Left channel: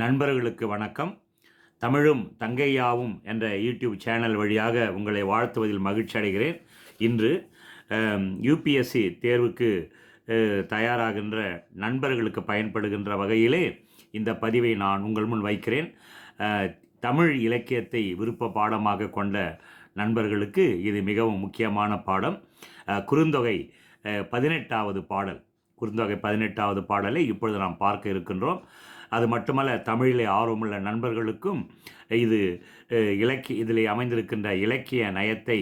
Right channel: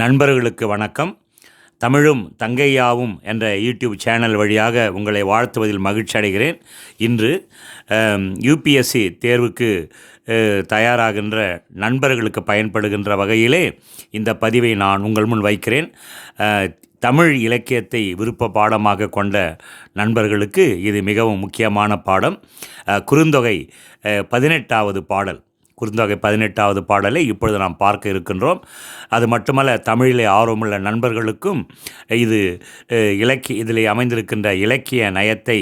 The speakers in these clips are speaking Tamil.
நண்பர்களுக்கு வணக்கம். தமிழும் தங்கையாவும் என்ற யூடியூப் சேனல் வழியாக உங்களை வாழ்த்துவதில் மகிழ்ச்சி அடைகிறேன். இன்று யூபிஎஸ்சி தேர்வுக்கு தயாராகின்ற நண்பர்களுக்கு பயன்படுகின்ற வகையிலே இந்த பதிவை நான் உங்கள் முன் வைக்கிறேன். தமிழ் இலக்கியத்தை விருப்ப பாடமாக கொண்ட நண்பர்களுக்கு இது மிகவும் முக்கியமான பாடம். குறுந்தொகை பதினெட்டாவது பாடல். குறுந்தொகை பதினெட்டாவது பாடலை இப்பொழுது நாம் பார்க்க இருக்கின்றோம். அது மட்டுமல்ல தமிழிலே ஆர்வமுள்ள நண்பர்களுக்கும் இது இலக்கிய இதில் அமைந்திருக்கின்ற இலக்கிய நயத்தை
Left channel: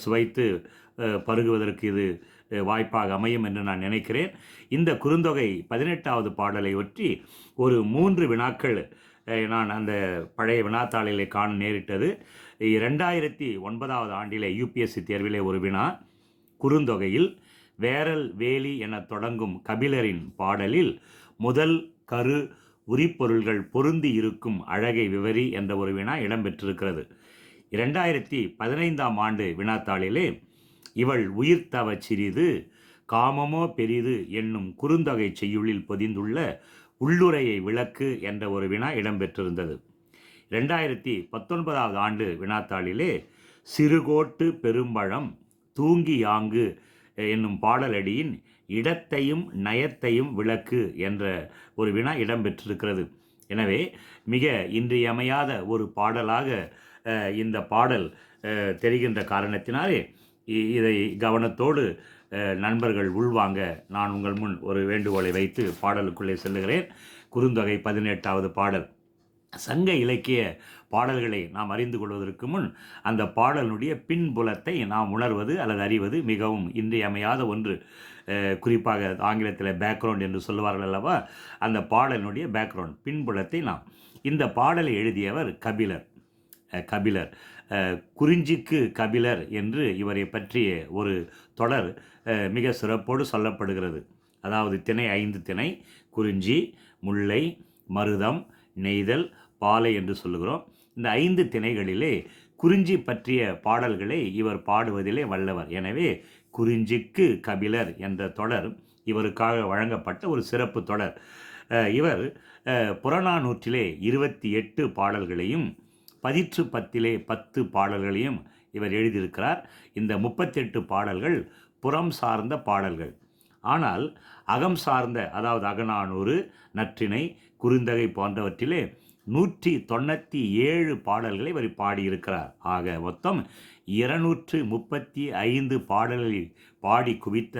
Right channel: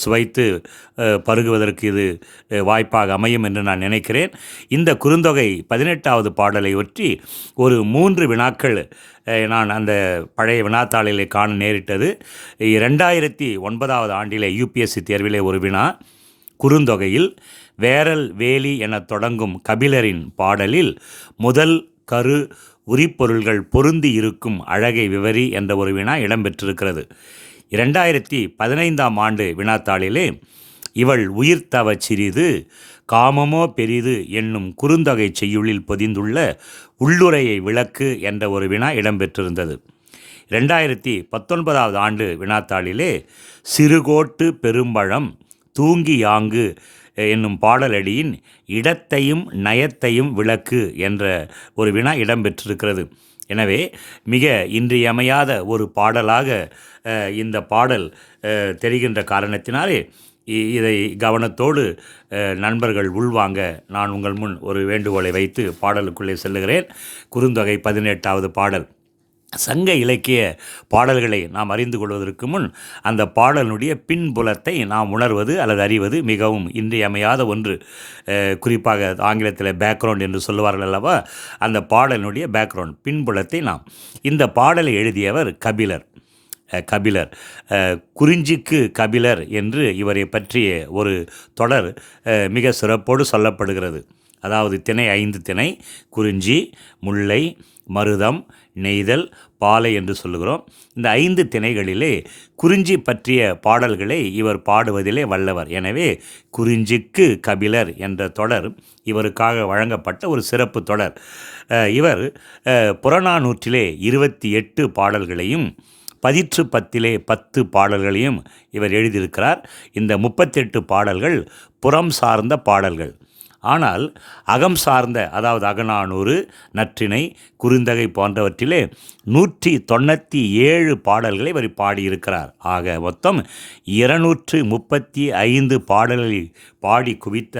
சுவைத்து பருகுவதற்கு இது வாய்ப்பாக அமையும் என்று நான் நினைக்கிறேன். இந்த குறுந்தொகை பதினெட்டாவது பாடலை ஒற்றி ஒரு மூன்று வினாக்கள் நான் அந்த பழைய வினாத்தாளிலே காண நேரிட்டது. ரெண்டாயிரத்தி ஒன்பதாவது ஆண்டிலே யூபிஎஸ்சி தேர்விலே ஒரு வினா குறுந்தொகையில் வேரல் வேலி எனத் தொடங்கும் கபிலரின் பாடலில் முதல் கரு உரிப்பொருள்கள் பொருந்தி இருக்கும் அழகை விவரி என்ற ஒரு வினா இடம்பெற்றிருக்கிறது. இரண்டாயிரத்தி பதினைந்தாம் ஆண்டு வினாத்தாளிலே இவள் உயிர்த்தவச் சிறிது காமமோ பெரிது என்னும் குறுந்தொகை செய்யுளில் பொதிந்துள்ள உள்ளுரையை விளக்கு என்ற ஒரு வினா இடம்பெற்றிருந்தது. ரெண்டாயிரத்தி பத்தொன்பதாவது ஆண்டு வினாத்தாளிலே சிறுகோட்டு பெரும்பழம் தூங்கி யாங்கு என்னும் பாடலடியின் இடத்தையும் நயத்தையும் விளக்கு என்ற ஒரு வினா இடம்பெற்றிருக்கிறது. எனவே மிக இன்றியமையாத ஒரு பாடலாக இந்த பாடல் தெரிகின்ற காரணத்தினாலே இ- இதை கவனத்தோடு நண்பர்கள் உள்வாங்க. நான் உங்கள் முன் ஒரு வேண்டுகோளை வைத்து பாடலுக்குள்ளே செல்லுகிறேன். குறுந்தொகை பதினெட்டாவது பாடல். சங்க இலக்கிய பாடல்களை நாம் அறிந்து கொள்வதற்கு முன் அந்த பாடலுடைய பின்புலத்தை நாம் உணர்வது அல்லது அறிவது மிகவும் இன்றியமையாத ஒன்று. குறிப்பாக ஆங்கிலத்தில் பேக்ரவுண்ட் என்று சொல்லுவார்கள் அல்லவா? அந்த பாடலினுடைய பேக்ரவுண்ட் பின்புலத்தை நாம். இந்த பாடலை எழுதியவர் கபிலர். கபிலர். குறிஞ்சிக்கு கபிலர் என்று இவரை பற்றிய ஒரு தொடர் மிக சிறப்போடு சொல்லப்படுகிறது. அதாவது திணை ஐந்து திணை குறிஞ்சி முல்லை மருதம் நெய்தல் பாலை என்று சொல்லுகிறோம். இந்த ஐந்து திணைகளிலே குறிஞ்சி பற்றிய பாடல்களை இவர் பாடுவதிலே வல்லவர். எனவே குறிஞ்சிக்கு கபிலர் என்ற தொடர் இவருக்காக வழங்கப்பட்ட ஒரு சிறப்பு தொடர். இவர் புறநானூற்றிலே இருபத்தி எட்டு பாடல்களையும் பதிற்று பத்திலே பத்து பாடல்களையும் இவர் எழுதியிருக்கிறார். இந்த முப்பத்தெட்டு பாடல்கள் புறம் சார்ந்த பாடல்கள். ஆனால் அகம் சார்ந்த அதாவது அகநானூறு நற்றினை குறுந்தகை போன்றவற்றிலே நூற்றி தொண்ணூற்றி ஏழு பாடல்களை இவர் பாடியிருக்கிறார். ஆக மொத்தம் இருநூற்று முப்பத்தி ஐந்து பாடல்களை பாடி குவித்த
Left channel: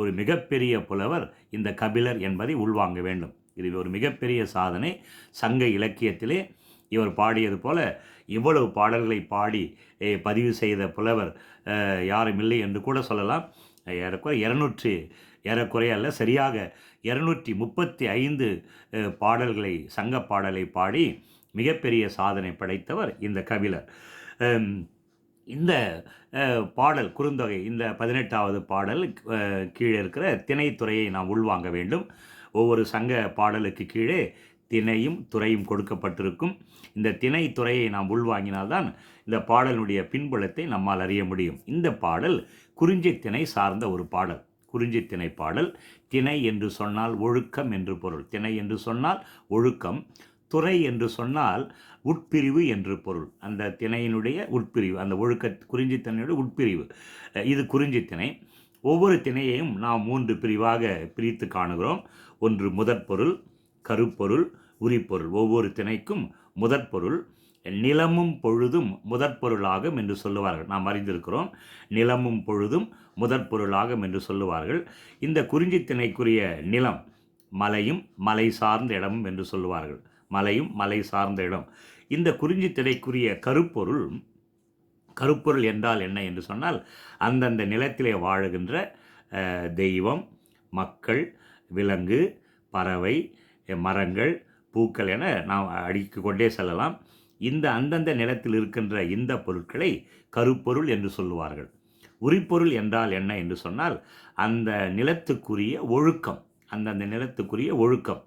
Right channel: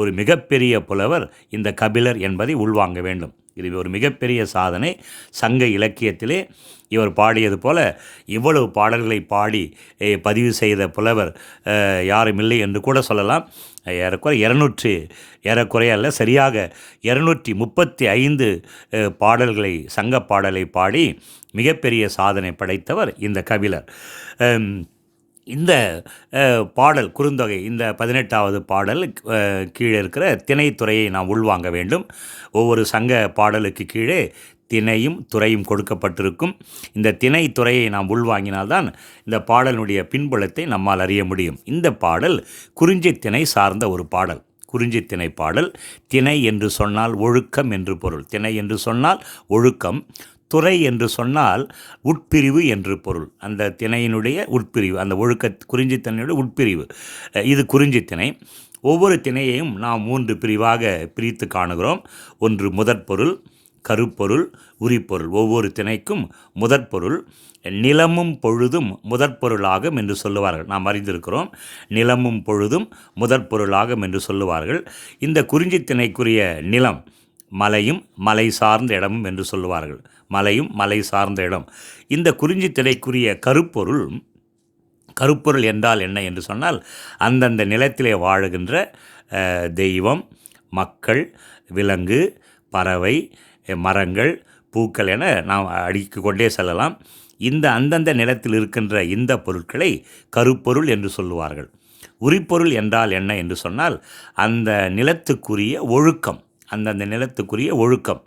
ஒரு மிகப்பெரிய புலவர் இந்த கபிலர் என்பதை உள்வாங்க வேண்டும். இது ஒரு மிகப்பெரிய சாதனை. சங்க இலக்கியத்திலே இவர் பாடியது போல இவ்வளவு பாடல்களை பாடி பதிவு செய்த புலவர் யாரும் இல்லை என்று கூட சொல்லலாம். ஏறக்குறை இரநூற்றி ஏறக்குறைய அல்ல சரியாக இரநூற்றி முப்பத்தி ஐந்து பாடல்களை சங்க பாடலை பாடி மிகப்பெரிய சாதனை படைத்தவர் இந்த கபிலர். இந்த பாடல் குறுந்தொகை இந்த பதினெட்டாவது பாடல் கீழே இருக்கிற திணைத்துறையை நாம் உள்வாங்க வேண்டும். ஒவ்வொரு சங்க பாடலுக்கு கீழே திணையும் துறையும் கொடுக்கப்பட்டிருக்கும். இந்த திணை துறையை நாம் உள்வாங்கினால்தான் இந்த பாடலுடைய பின்புலத்தை நம்மால் அறிய முடியும். இந்த பாடல் குறிஞ்சி திணை சார்ந்த ஒரு பாடல். குறிஞ்சி திணை பாடல் திணை என்று சொன்னால் ஒழுக்கம் என்று பொருள். திணை என்று சொன்னால் ஒழுக்கம் துறை என்று சொன்னால் உட்பிரிவு என்று பொருள். அந்த திணையினுடைய உட்பிரிவு அந்த ஒழுக்க குறிஞ்சி திணையுடைய உட்பிரிவு. இது குறிஞ்சி திணை. ஒவ்வொரு திணையையும் நாம் மூன்று பிரிவாக பிரித்து காணுகிறோம். ஒன்று முதற்பொருள் கருப்பொருள் உரிப்பொருள். ஒவ்வொரு திணைக்கும் முதற்பொருள் நிலமும் பொழுதும் முதற்பொருளாகும் என்று சொல்லுவார்கள். நாம் அறிந்திருக்கிறோம் நிலமும் பொழுதும் முதற்பொருளாகும் என்று சொல்லுவார்கள். இந்த குறிஞ்சி திணைக்குரிய நிலம் மலையும் மலை சார்ந்த இடமும் என்று சொல்லுவார்கள். மலையும் மலை சார்ந்த இடம். இந்த குறிஞ்சி திணைக்குரிய கருப்பொருள் கருப்பொருள் என்றால் என்ன என்று சொன்னால் அந்தந்த நிலத்திலே வாழுகின்ற தெய்வம் மக்கள் விலங்கு பறவை மரங்கள் பூக்கள் என நாம் அடுக்கி கொண்டே செல்லலாம். இந்த அந்தந்த நிலத்தில் இருக்கின்ற இந்த பொருட்களை கருப்பொருள் என்று சொல்லுவார்கள். உரிப்பொருள் என்றால் என்ன என்று சொன்னால் அந்த நிலத்துக்குரிய ஒழுக்கம் அந்தந்த நிலத்துக்குரிய ஒழுக்கம்.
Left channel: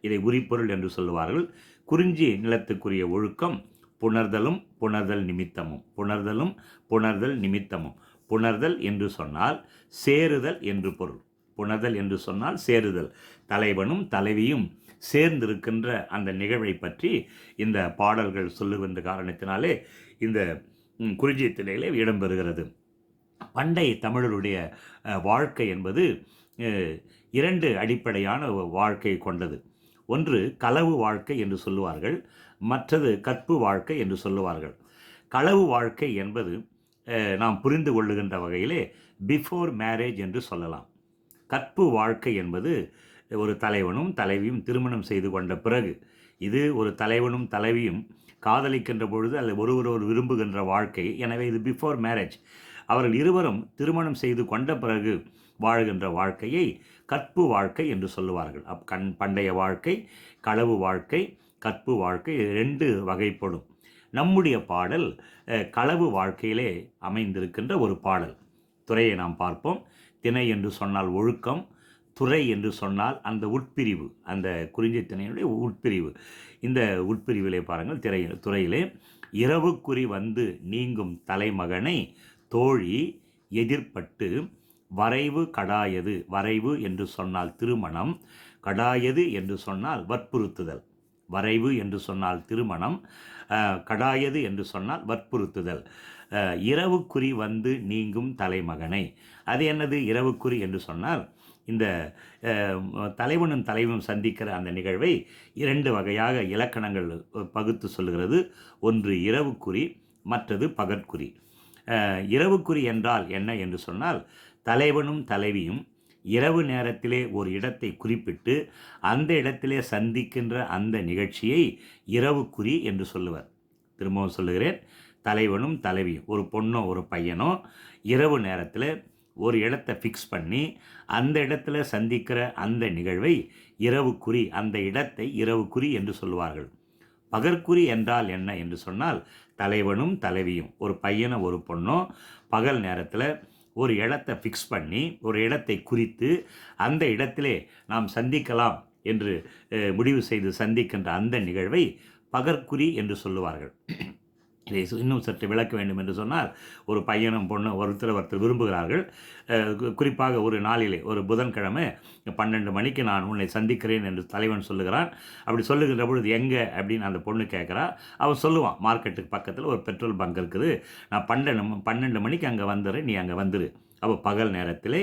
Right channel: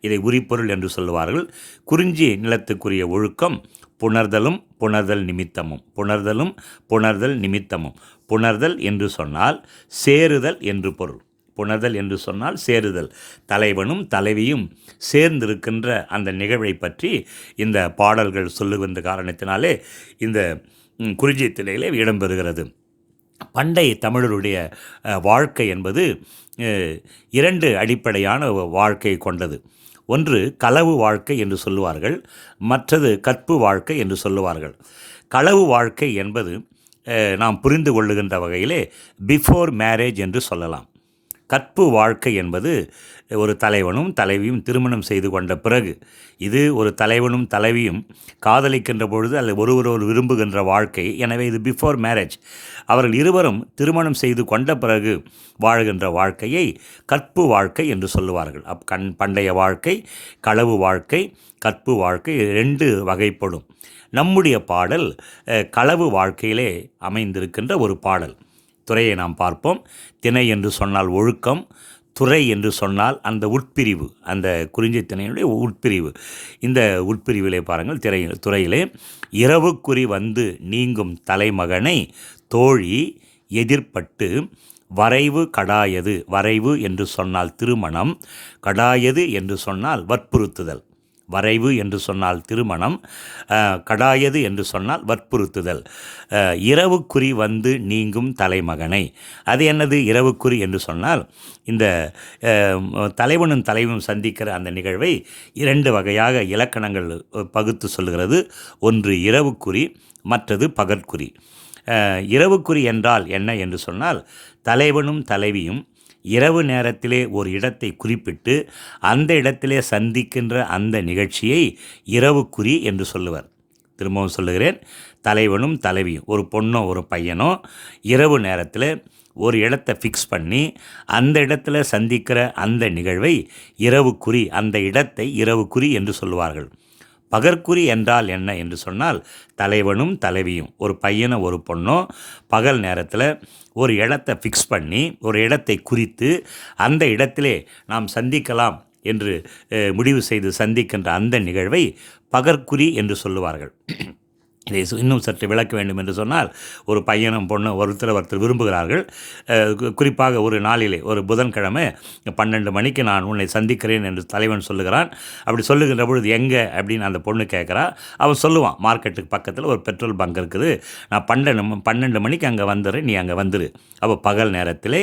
இதை உரிப்பொருள் என்று சொல்லுவார்கள். குறிஞ்சி நிலத்துக்குரிய ஒழுக்கம் புணர்தலும் புணர்தல் நிமித்தமும். புணர்தலும் புணர்தல் நிமித்தமும். புணர்தல் என்று சொன்னால் சேருதல் என்று பொருள். புணர்தல் என்று சொன்னால் சேருதல். தலைவனும் தலைவியும் சேர்ந்திருக்கின்ற அந்த நிகழ்வை பற்றி இந்த பாடல்கள் சொல்லுகின்ற காரணத்தினாலே இந்த ம், குறிஞ்சி திணையிலே இடம்பெறுகிறது. பண்டை தமிழருடைய வாழ்க்கை என்பது இரண்டு அடிப்படையான வாழ்க்கை கொண்டது. ஒன்று களவு வாழ்க்கை என்று சொல்லுவார்கள் மற்றது கற்பு வாழ்க்கை என்று சொல்லுவார்கள். களவு வாழ்க்கை என்பது நாம் புரிந்து கொள்ளுகின்ற வகையிலே பிஃபோர் மேரேஜ் என்று சொல்லலாம். கற்பு வாழ்க்கை என்பது ஒரு தலைவனும் தலைவியும் திருமணம் செய்து கொண்ட பிறகு இது ஒரு தலைவனும் தலைவியும் காதலிக்கின்ற பொழுது அல்லது ஒருவரொரு விரும்புகின்ற வாழ்க்கை. எனவே இது பிஃபோர் மேரேஜ் அவர்கள் இருவரும் திருமணம் செய்து கொண்ட பிறகு வாழ்கின்ற வாழ்க்கையை கற்பு வாழ்க்கை என்று சொல்லுவார்கள். அப் கண் பண்டைய வாழ்க்கை களவு வாழ்க்கை கற்பு வாழ்க்கை ரெண்டு வகைப்படும். நம்முடைய பாடல் களவு வாழ்க்கையிலே அமைந்திருக்கின்ற ஒரு பாடல். துறையை நாம் பார்ப்போம். திணை என்று சொன்னால் ஒழுக்கம் துறை என்று சொன்னால் அந்த உட்பிரிவு அந்த குறிஞ்சி திணையினுடைய உட்பிரிவு. இந்த உட்பிரிவிலே பாருங்கள் திரை துறையிலே இரவுக்குறி வந்து நீங்கும் தலைமகனை தோழி எதிர்ப்பட்டு வரைவு கடாயது வரைவு என்று சொன்னால் திருமணம் கடாயது என்று சொன்னால் வற்புறுத்துதல். வரைவு என்று சொன்னால் திருமணம் கடாயது என்று சொன்னால் வற்புறுத்துதல். இரவுக்குறி வந்து நீங்கும் தலைமகனை. அது என்னது? இரவுக்குறி என்று சொன்னால் இந்த தலைவனும் தலைவனும் சந்திக்கிற அந்த நிகழ்வை இரண்டு வகையாக இலக்கணங்கள் பகுத்து சொல்லுகிறது. ஒன்று இரவுக்குறி மற்றது பகற்குறி. இரவுக்குறி என்றால் என்ன என்று சொன்னால் தலைவனும் தலைவியும் இரவு நேரத்திலே ஒரு இடத்தை குறிப்பிட்டு அந்த இடத்திலே சந்திக்கின்ற அந்த நிகழ்ச்சியை இரவுக்குறி என்று சொல்லுவர். திரும்பவும் சொல்லுகிறேன். தலைவனும் தலைவியும் ஒரு பொண்ணோ ஒரு பையனோ இரவு நேரத்தில் ஒரு இடத்தை ஃபிக்ஸ் பண்ணி அந்த இடத்துல சந்திக்கிற அந்த நிகழ்வை இரவுக்குறி அந்த இடத்தை இரவுக்குறி என்று சொல்லுவார்கள். பகற்குறி என்றால் என்ன என்று சொன்னால் தலைவனும் தலைவியும். ஒரு பையனோ ஒரு பொண்ணோ பகல் நேரத்தில் ஒரு இடத்தை ஃபிக்ஸ் பண்ணி ஒரு இடத்தை குறித்து அந்த இடத்திலே நாம் சந்திக்கலாம் என்று முடிவு செய்து சந்திக்கின்ற அந்த நிகழ்வை பகற்குறி என்று சொல்லுவார்கள். இதை இன்னும் சற்று விளக்க வேண்டும் என்று சொன்னால் ஒரு பையனும் பொண்ணும் ஒருத்தர் ஒருத்தர் விரும்புகிறார்கள். குறிப்பாக ஒரு நாளிலே ஒரு புதன்கிழமை பன்னெண்டு மணிக்கு நான் உன்னை சந்திக்கிறேன் என்று தலைவன் சொல்லுகிறான். அப்படி சொல்லுகின்ற பொழுது எங்கே? அப்படின்னு அந்த பொண்ணு கேட்குறா. அவன் சொல்லுவான் மார்க்கெட்டுக்கு பக்கத்தில் ஒரு பெட்ரோல் பங்க் இருக்குது. நான் பன்னெண்டு பன்னெண்டு மணிக்கு அங்கே வந்துடுறேன் நீ அங்கே வந்துடு அப்போ பகல் நேரத்திலே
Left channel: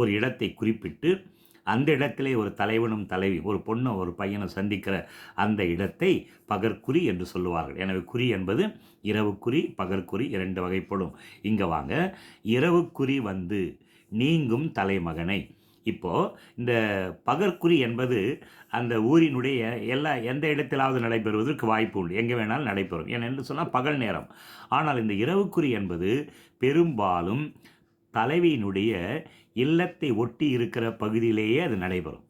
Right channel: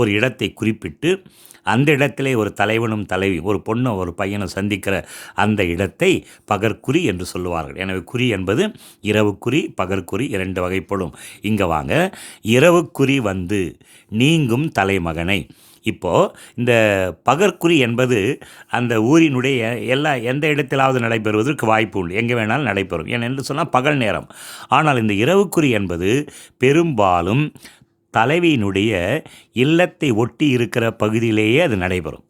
ஒரு இடத்தை குறிப்பிட்டு அந்த இடத்திலே ஒரு தலைவனும் தலைவி ஒரு பொண்ணும் ஒரு பையனும் சந்திக்கிற அந்த இடத்தை பகற்குறி என்று சொல்லுவார்கள். எனவே குறி என்பது இரவுக்குறி பகற்குறி இரண்டு வகைப்படும். இங்கே வாங்க. இரவுக்குறி வந்து நீங்கும் தலைமகனை. இப்போது இந்த பகற்குறி என்பது அந்த ஊரினுடைய எல்லா எந்த இடத்திலாவது நடைபெறுவதற்கு வாய்ப்பு உண்டு. எங்கே வேணாலும் நடைபெறும். ஏனென்று சொன்னால் பகல் நேரம். ஆனால் இந்த இரவுக்குறி என்பது பெரும்பாலும் தலைவியினுடைய இல்லத்தை ஒட்டி இருக்கிற பகுதியிலேயே அது நடைபெறும்.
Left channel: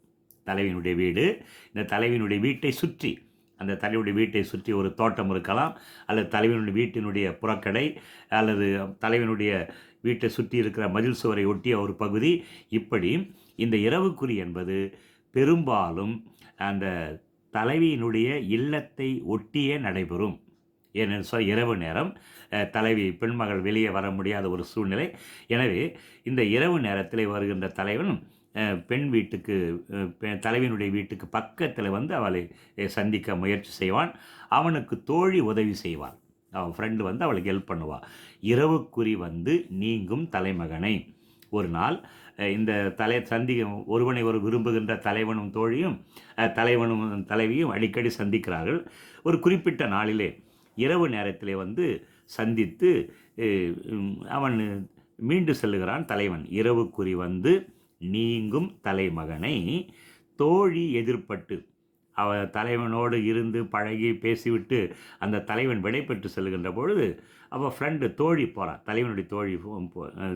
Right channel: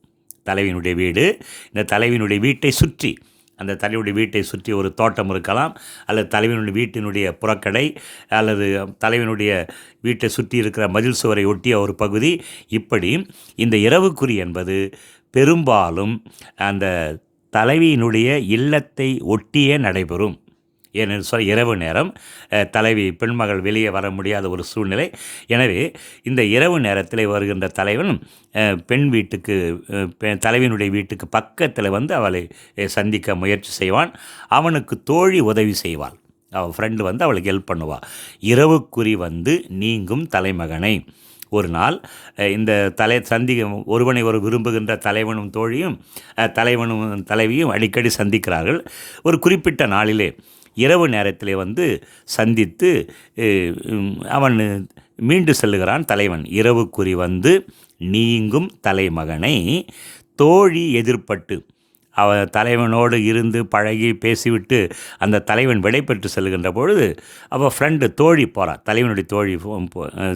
தலைவியினுடைய வீடு இந்த தலைவியினுடைய வீட்டை சுற்றி அந்த தலைவனுடைய வீட்டை சுற்றி ஒரு தோட்டம் இருக்கலாம் அல்லது தலைவனுடைய வீட்டினுடைய புறக்கடை அல்லது தலைவனுடைய வீட்டை சுற்றி இருக்கிற மதில் சுவரை ஒட்டிய ஒரு பகுதி. இப்படி இந்த இரவுக்குறி என்பது பெரும்பாலும் அந்த தலைவியினுடைய இல்லத்தை ஒட்டியே நடைபெறும். ஏனென்று சொல்ல இரவு நேரம் தலைவி பெண்மகள் வெளியே வர முடியாத ஒரு சூழ்நிலை. எனவே இந்த இரவு நேரத்தில் வருகின்ற தலைவன் பெண் வீட்டுக்கு பெ- தலைவியினுடைய வீட்டுக்கு பக்கத்தில் வந்து அவளை சந்திக்க முயற்சி செய்வான். அவனுக்கு தோழி உதவி செய்வாள். அவன் ஃப்ரெண்டு வந்து அவளுக்கு ஹெல்ப் பண்ணுவாள் இரவுக்குறி வந்து நீங்கும் தலைமகனை. ஒரு நாள் இந்த தலை சந்திக்க ஒருவனை ஒரு விரும்புகின்ற தலைவனும் தோழியும் தலைவனும் தலைவியும் அடிக்கடி சந்திக்கிறார்கள். ஒரு குறிப்பிட்ட நாளிலே இரவு நேரத்திலே வந்து சந்தித்து அவன் மீண்டு செல்லுகிறான் தலைவன். இரவுக்குறி வந்து நீங்கும் தலைமகனை தோழி எதிர்ப்பட்டு அவ தலைவனோடு இருந்து பழகி பேசிவிட்டு அந்த தலைவன் விடைபெற்று செல்கின்ற பொழுது அவள் ஃப்ரெண்டு தோழி போகிறான் தலைவனுடைய தோழி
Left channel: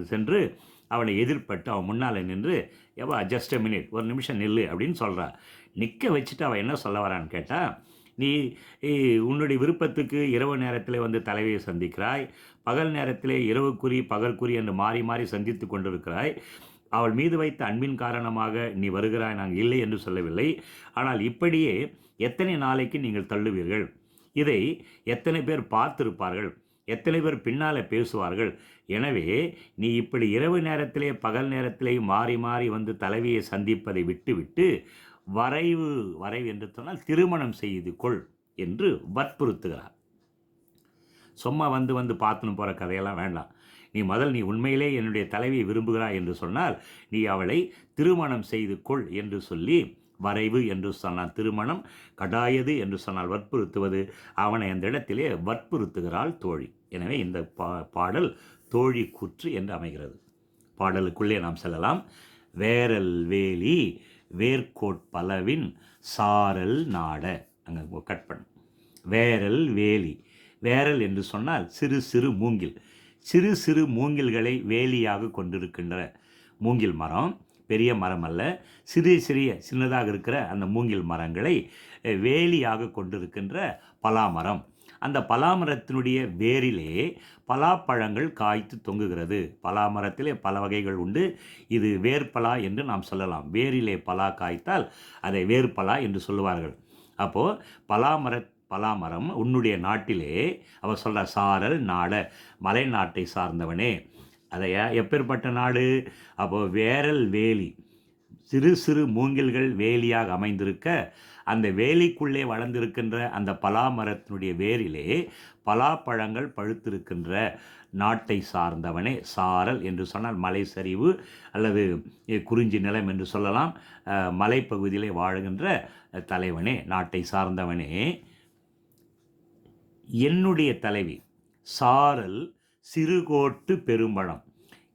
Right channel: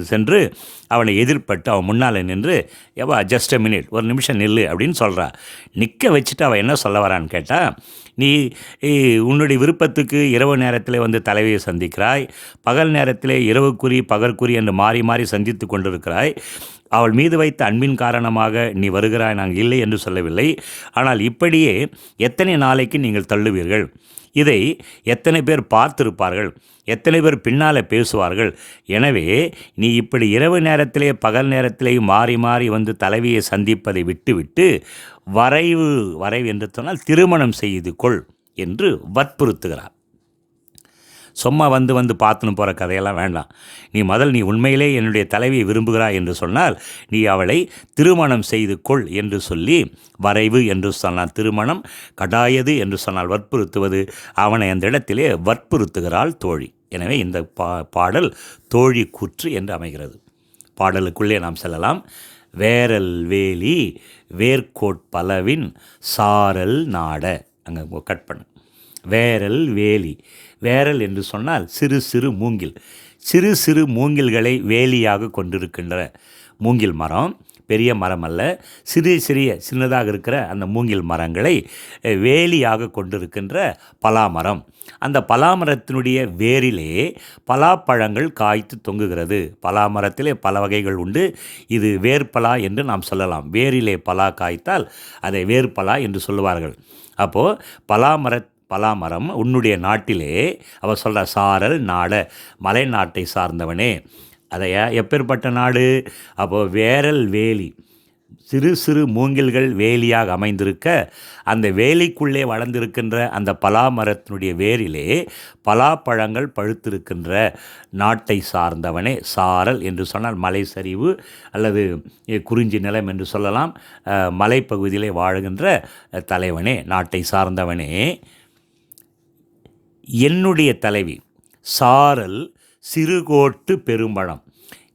சென்று அவனை எதிர்பட்டு அவன் முன்னால் நின்று எவா ஜஸ்ட் அ மினிட் ஒரு நிமிஷம் நில்லு அப்படின்னு சொல்கிறா நிற்க வச்சுட்டு அவள் என்ன சொல்ல வரான்னு கேட்டால் நீ உன்னுடைய விருப்பத்துக்கு இரவு நேரத்தில் வந்து தலைவியை சந்திக்கிறாய். பகல் நேரத்திலே இரவுக்குறி பகற்குறி என்று மாறி மாறி சந்தித்து கொண்டிருக்கிறாய். அவள் மீது வைத்த அன்பின் காரணமாக நீ வருகிறாய் நாங்கள் இல்லை என்று சொல்லவில்லை. ஆனால் இப்படியே எத்தனை நாளைக்கு நீங்கள் தள்ளுவீர்கள்? இதை எத்தனை பேர் பார்த்திருப்பார்கள்? எத்தனை பேர் பின்னால் பேசுவார்கள்? எனவே நீ இப்படி இரவு நேரத்திலே பகல் நேரத்திலேயே மாறி மாறி வந்து தலைவியை சந்திப்பதை விட்டுவிட்டு வரைவு வரைவு என்று சொன்னால் திருமணம் செய்து கொள் என்று வற்புறுத்துகிறார். சும்மா வந்து வந்து பார்த்துன்னு போகிற கதையெல்லாம் வேண்டாம். நீ முதல் நீ உண்மையிலே என்னுடைய தலைவியை விரும்புகிறாய் என்று சொன்னால் நீ அவளை திருமணம் செய்து கொள் என்று சொல்லி வரைவு என்று சொன்னால் திருமணம் கடாயது என்று சொன்னால் வற்புறுத்துவது அவனை அந்த இடத்திலே வற்புறுத்துகிறாள் தோழி. எனவே இந்த பா பாடல் தோழி கூற்று என்று அமைகிறது. பாடலுக்குள்ளே நாம் செல்லலாம். வேரல் வேலி வேர்க்கோட்பலவின் சாரல் நாட. அங்கே கட் பண்ணு. வேரல் வேலி. வேரல் என்று சொன்னால் சிறு சிறு மூங்கில். சிறு சிறு மூங்கில்களை வேலியாக கொண்டிருக்கின்ற மூங்கில் மரம். பெரிய மரம் அல்ல சிறிய சிறிய சின்னதாக இருக்கிற அந்த மூங்கில் மரங்களை வேலியாக கொண்டிருக்கின்ற பலாமரம். அந்த பலாமரத்தினுடைய வேரிலே பலாப்பழங்கள் காய்த்து தொங்குகிறது. பலாமரத்திலே பல வகைகள் உண்டு. இது வேர்பலா என்று நாம் சொல்லலாம். வேரிலே பலா காய்த்தால் அதை வேர்பலா என்று சொல்லுவார்கள். அப்போது பலாமர பலாமரம் உன்னுடைய நாட்டிலே அவர் சொல்கிற சாரல் நாட மலை நாட்டை சார்ந்தவனே அதை எப்பேற்பட்ட நாடு? அப்போது வேரல் வேலி. சிறு சிறு மூங்கில்கள் வேலியாக அமைந்திருக்க அந்த வேலிக்குள்ளே வளர்ந்திருக்கின்ற அந்த பலா மரத்தினுடைய வேரிலே பலாப்பழங்கள் பழுத்திருக்கின்ற நாட்டை சார்ந்தவனே சாரல் என்று சொன்னால் மலை சரிவு அல்லது குறிஞ்சி நிலம் என்று சொல்லலாம். மலைப்பகுதியிலே வாழுகின்ற தலைவனே நாட்டை சார்ந்தவனே. என்னுடைய தலைவி சாரல் சிறுகோட்டு பெரும்பழம்.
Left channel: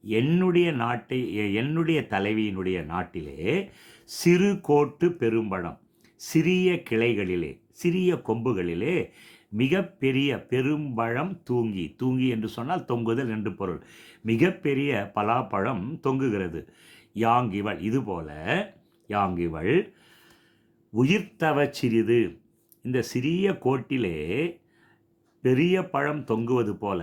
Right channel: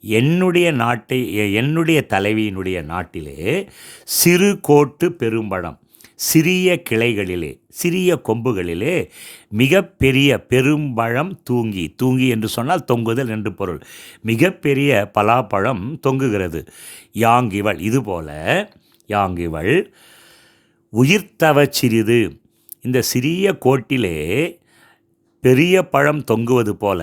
என்னுடைய நாட்டை எ- என்னுடைய தலைவியினுடைய நாட்டிலே சிறு கோட்டு பெரும்பழம் சிறிய கிளைகளிலே சிறிய கொம்புகளிலே மிகப்பெரிய பெரும்பழம் தூங்கி தூங்கி என்று சொன்னால் தொங்குதல் என்று பொருள். மிகப்பெரிய பலாப்பழம் தொங்குகிறது. யாங்கிவள் இதுபோல யாங்கிவள் உயிர்த்தவச் சிறிது. இந்த சிறிய கோட்டிலே பெரிய பழம் தொங்குவது போல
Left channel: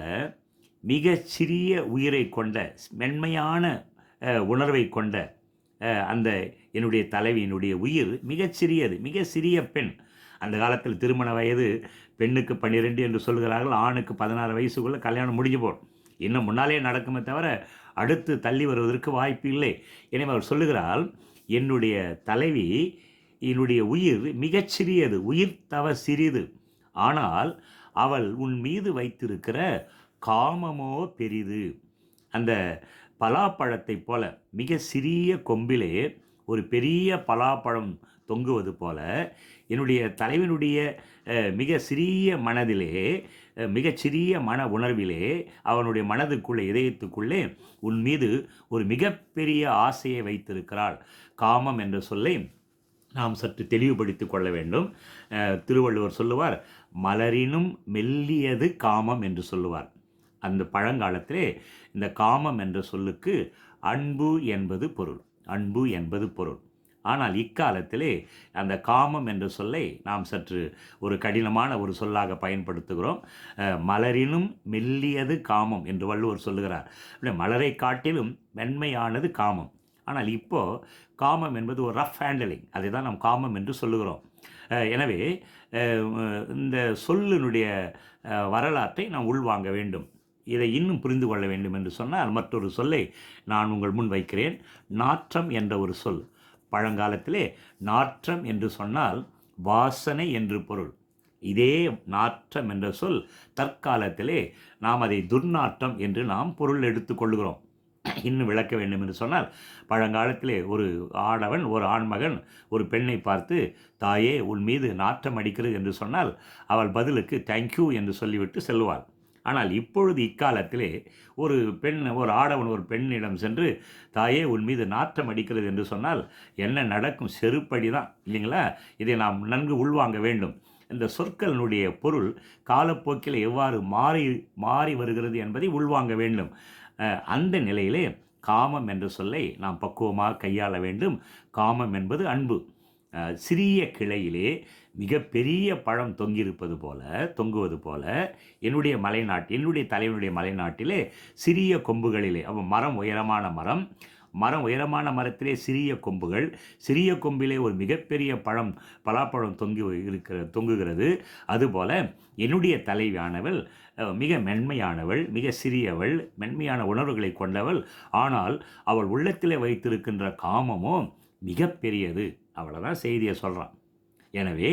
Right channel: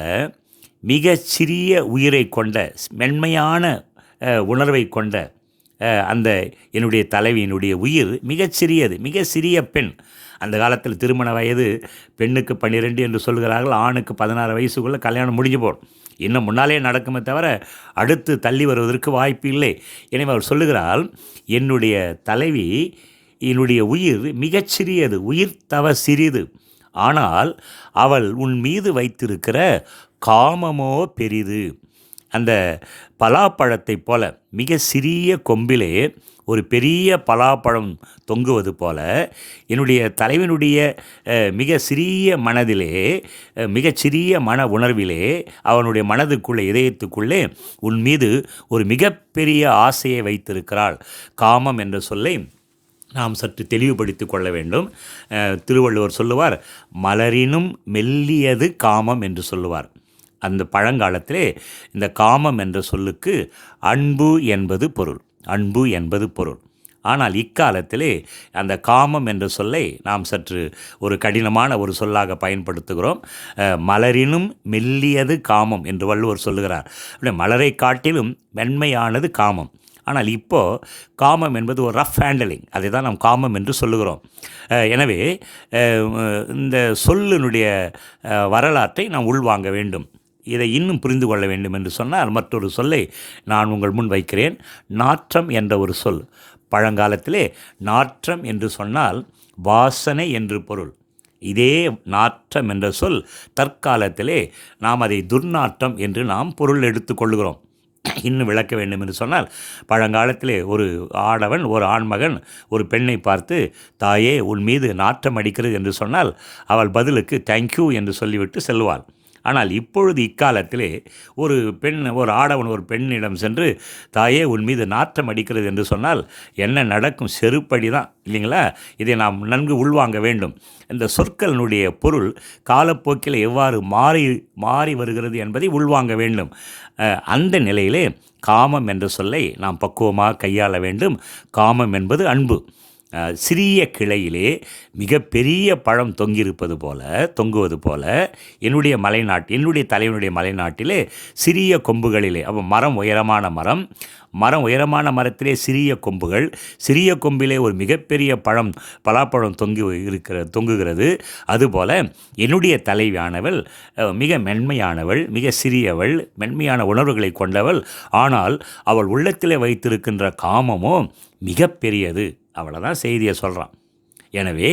மிக சிறிய உயிரை கொண்ட மென்மையான உணர்வை கொண்ட அந்த என்னுடைய தலைவியினுடைய உயிர் மிகச்சிறியது மிக சிறிய பெண். அந்த காலத்தில் திருமண வயது பெண்ணுக்கு பன்னிரெண்டு என்று சொல்கிறார்கள் ஆணுக்கு பதினாறு வயசுக்குள்ளே கல்யாணம் முடிஞ்சு போடும் இன்னும் முன்னாலே நடக்குமே தவிர அடுத்து தள்ளி வருவதற்கு வாய்ப்பு இல்லை. எனவே அவர் சொல்லுகிறாள் என்னுடைய தலைவி என்னுடைய உயிர் மிகச்சிறியது உயிர் தவ சிறிது. ஆனால் அவள் உன் மீது வைத்திருக்கிற காமமோ பெரிது. அந்த பலாப்பழத்தைப் போல மிக சிறிய கொம்பிலே ஒரு பெரிய பலாப்பழம் தொங்குவது போல என்னுடைய தலைவனுடைய மிக சிறிய மனதிலே அஹ், மிகச் சிறிய மன உணர்விலே அவனுடைய மனதுக்குள்ளே இதயத்துக்குள்ளே உன் மீது ஒரு மிகப்பெரிய ஆசையை வைத்திருக்கிறாள். காமம் என்ற சொல்லை நாம் சற்று தெளிவுபடுத்தி கொள்ள வேண்டும். திருவள்ளுவர் சொல்லுவார் மலரினும் மெல்லியது காமம் என்று சொல்லுவார். அந்த பழங்காலத்திலே இந்த காமம் என்ற சொல்லுக்கு அன்பு என்பது பொருள். அன்பு என்பது பொருள். ஆனால் இக்காலத்திலே அந்த காமம் என்ற சொல்லை நாம் சற்று ஒரு கடினமான ஒரு சொல்லாக பயன்படுத்துகிறோம். மலரினும் மெல்லியது காமம் என்று வள்ளுவர் சொல்லுகிறார். அப்படியே மலரை காட்டிலும் மென்மையானது காமம். ஆனால் இப்போது காமம் என்பது ஒரு ரஃப் ஹேண்டலிங் அதை தான் நாம் காமம் என்று சொல்லுகிறோம். எனவே இந்த சொல்லினுடைய வரலாற்றை நாம் உள்வாங்க வேண்டும். இதை இன்னும் புரிந்து கொள்ள வேண்டும் என்று சொன்னால் மற்றொரு சொல்லை நான் உங்கள் முன் வைக்கிறேன். நாற்றம் என்ற ஒரு சொல். பழங்காலத்திலே நாற்றம் என்று சொன்னால் வாசனை என்று பொருள். இதே நாற்றம் என்ற சொல் தற்காலத்திலே நாம் அதை துர்நாற்றம் என்று நாம் பொருள் எடுத்துக்கொள்கிறோம் இன்னும் விளக்க வேண்டும் என்று சொன்னால் பழங்காலத்திலே ஒரு ஆடவன் ஒரு ஆண்மகன் ஒரு பெண்ணை பார்த்து தாயே உன் மீது நாற்றம் அடிக்கிறது என்று சொன்னால் அவள் பதிலுக்கு தேங்க்யூ என்று சொல்லிவிட்டு செல்வாள் ஆனால் இப்பொழுது இக்காலத்திலே ஒரு பெண் ஒரு ஆடவன் ஒரு பெண்ணிடம் சென்று தாயே உன் மீது நாற்றம் அடிக்கிறது என்று சொன்னால் என்ன நடக்கும்? செருப்படி தான். இல்லைங்களா? இதை நாம் நன்கு உள்வாங்க வேண்டும். இந்த சொற்களினுடைய பொருள் காலப்போக்கில் எவ்வாறு மாறி மாறி வருகிறது என்பதை உள்வாங்க வேண்டும். அந்த நிலையிலே காமம் என்ற சொல்லை நாம் பக்குவமாக கையாள வேண்டும். காமம் என்பது அன்பு. சிறிய கிளையிலே மிகப்பெரிய பழம் தொங்கியிருப்பது போல தொங்குவது போல என்னுடைய மலைநாட்டு என்னுடைய தலைவனுடைய மலைநாட்டிலே சிறிய கொம்புகளிலே அப்போ மரம் உயரமான மரம் மரம் உயரமான மரத்திலே சிறிய கொம்புகள் சிறிய கொம்பிலே ஒரு மிகப்பெரிய பழம் பலாப்பழம் தொங்கி இருக்கிற தொங்குகிறது. அதுபோல் என்னுடைய தலைவியானவள் மிக மென்மையானவள் மிக சிறியவள் மென்மையான உணர்வுகளை கொண்டவள். ஆனால் அவள் உள்ளத்திலே வைத்திருக்கின்ற காமமோ மிகப்பெரியது. அவ்வளோதான் செய்தியை சொல்கிறான் எனவே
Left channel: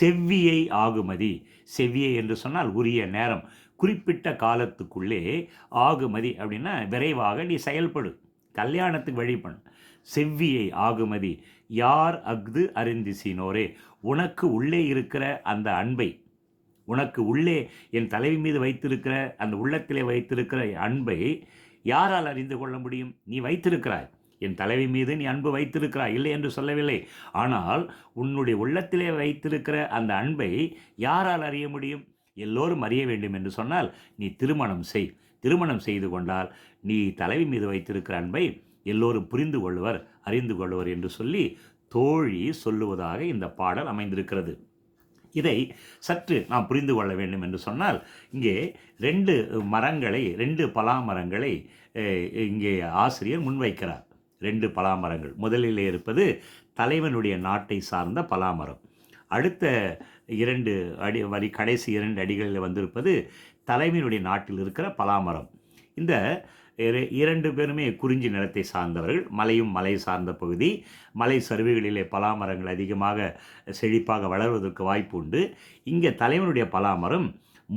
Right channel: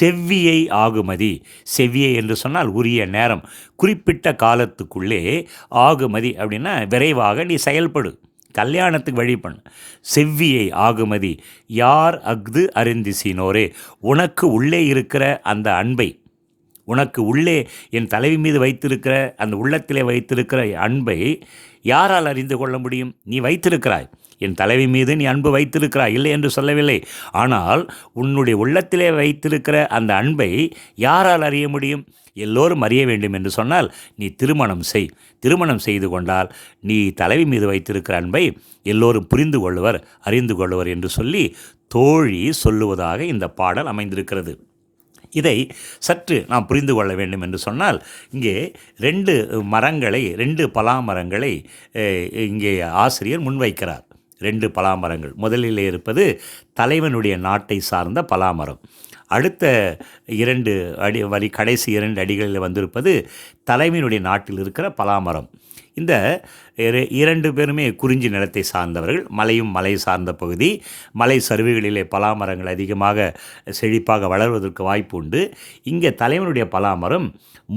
செவ்வியை ஆகுமதி செவ்வியை என்று சொன்னால் உரிய நேரம் குறிப்பிட்ட காலத்துக்குள்ளே ஆகுமதி அப்படின்னா விரைவாக நீ செயல்படு கல்யாணத்துக்கு வழி பண்ணு. செவ்வியை ஆகுமதி யார் அஃது அறிந்திசினோரே உனக்கு உள்ளே இருக்கிற அந்த அன்பை உனக்கு உள்ளே என் தலைவி மீது வைத்திருக்கிற அந்த உள்ளத்திலே வைத்திருக்கிற அன்பை யாரால் அறிந்து கொள்ள முடியும்? நீ வைத்திருக்கிறாய். என் தலைவி மீது நீ அன்பு வைத்திருக்கிறாய். இல்லை என்று சொல்லவில்லை. ஆனால் உன்னுடைய உள்ளத்திலே வைத்திருக்கிற அந்த அன்பை யாரால் அறிய முடியும்? எல்லோரும் அறிய வேண்டும் என்று சொன்னால் நீ திருமணம் செய். திருமணம் செய்து கொண்டால் நீ தலைவி மீது வைத்திருக்கிற அன்பை எல்லோரும் புரிந்து கொள்வர் அறிந்து கொள்வர் என்று சொல்லி தோழி சொல்லுவதாக இந்த பாடல் அமைந்திருக்கிறது. இதை சற்று நாம் புரிந்து கொள்ள வேண்டும் என்று சொன்னால் இங்கே ரெண்டு மரங்களை ரெண்டு பலாமரங்களை இங்கே ஆசிரியர் முன்வைக்கிறார். ரெண்டு பலாமரங்கள். முதலில் இருப்பது தலைவனுடைய நாட்டை சார்ந்த பலாமரம். அடுத்த இரண்டு அடி வரி கடைசி இரண்டு அடிகளில் வந்திருப்பது தலைவனுடைய நாட்டில் இருக்கிற பலாமரம். இந்த இரண்டு பேருமே குறிஞ்சி நிலத்தை சார்ந்தவர்கள். மலையும் மலை சார்ந்த பகுதி. மலை சரிவுகளிலே பலாமரங்கள் அதிகமாக செழிப்பாக வளர்வதற்கு வாய்ப்பு உண்டு. இங்கே தலைவனுடைய பலாமரம்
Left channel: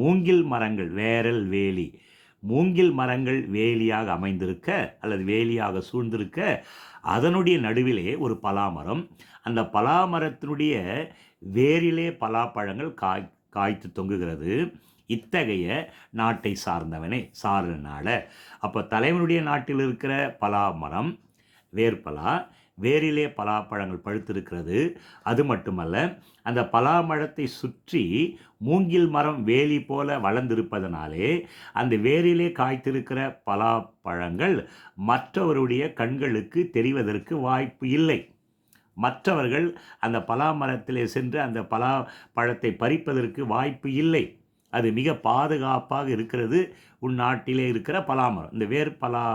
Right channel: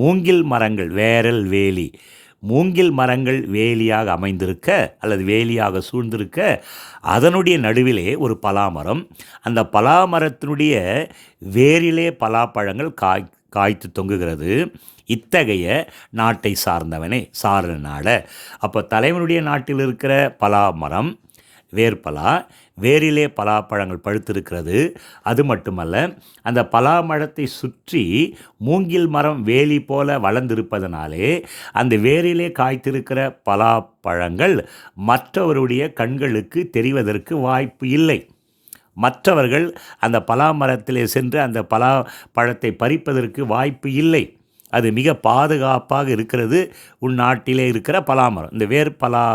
மூங்கில் மரங்கள் வேரல் வேலி மூங்கில் மரங்கள் வேலியாக அமைந்திருக்க அல்லது வேலியாக சூழ்ந்திருக்க அதனுடைய நடுவிலே ஒரு பலாமரம். அந்த பலாமரத்தினுடைய வேரிலே பலாப்பழங்கள் காய் காய்த்து தொங்குகிறது. இத்தகைய நாட்டை சார்ந்தவனே சார்ந்த நாட. அப்போ தலைவனுடைய நாட்டில் இருக்கிற பலாமரம் வேர்பலா வேரிலே பலாப்பழங்கள் பழுத்திருக்கிறது. அது மட்டுமல்ல அந்த பலாமரத்தை சுற்றி மூங்கில் மரம் வேலி போல வளர்ந்திருப்பதனாலே அந்த வேரிலே காய்த்திருக்கிற பலாப்பழங்கள் மற்றவருடைய கண்களுக்கு தெரிவதற்கு வாய்ப்பு இல்லை. மற்றவர்கள் அந்த பலாமரத்திலே சென்று அந்த பலா பழத்தை பறிப்பதற்கு வாய்ப்பு இல்லை. அது மிக பாதுகாப்பாக இருக்கிறது. உன் நாட்டிலே இருக்கிற பலாமரம். இந்த வேர்பலா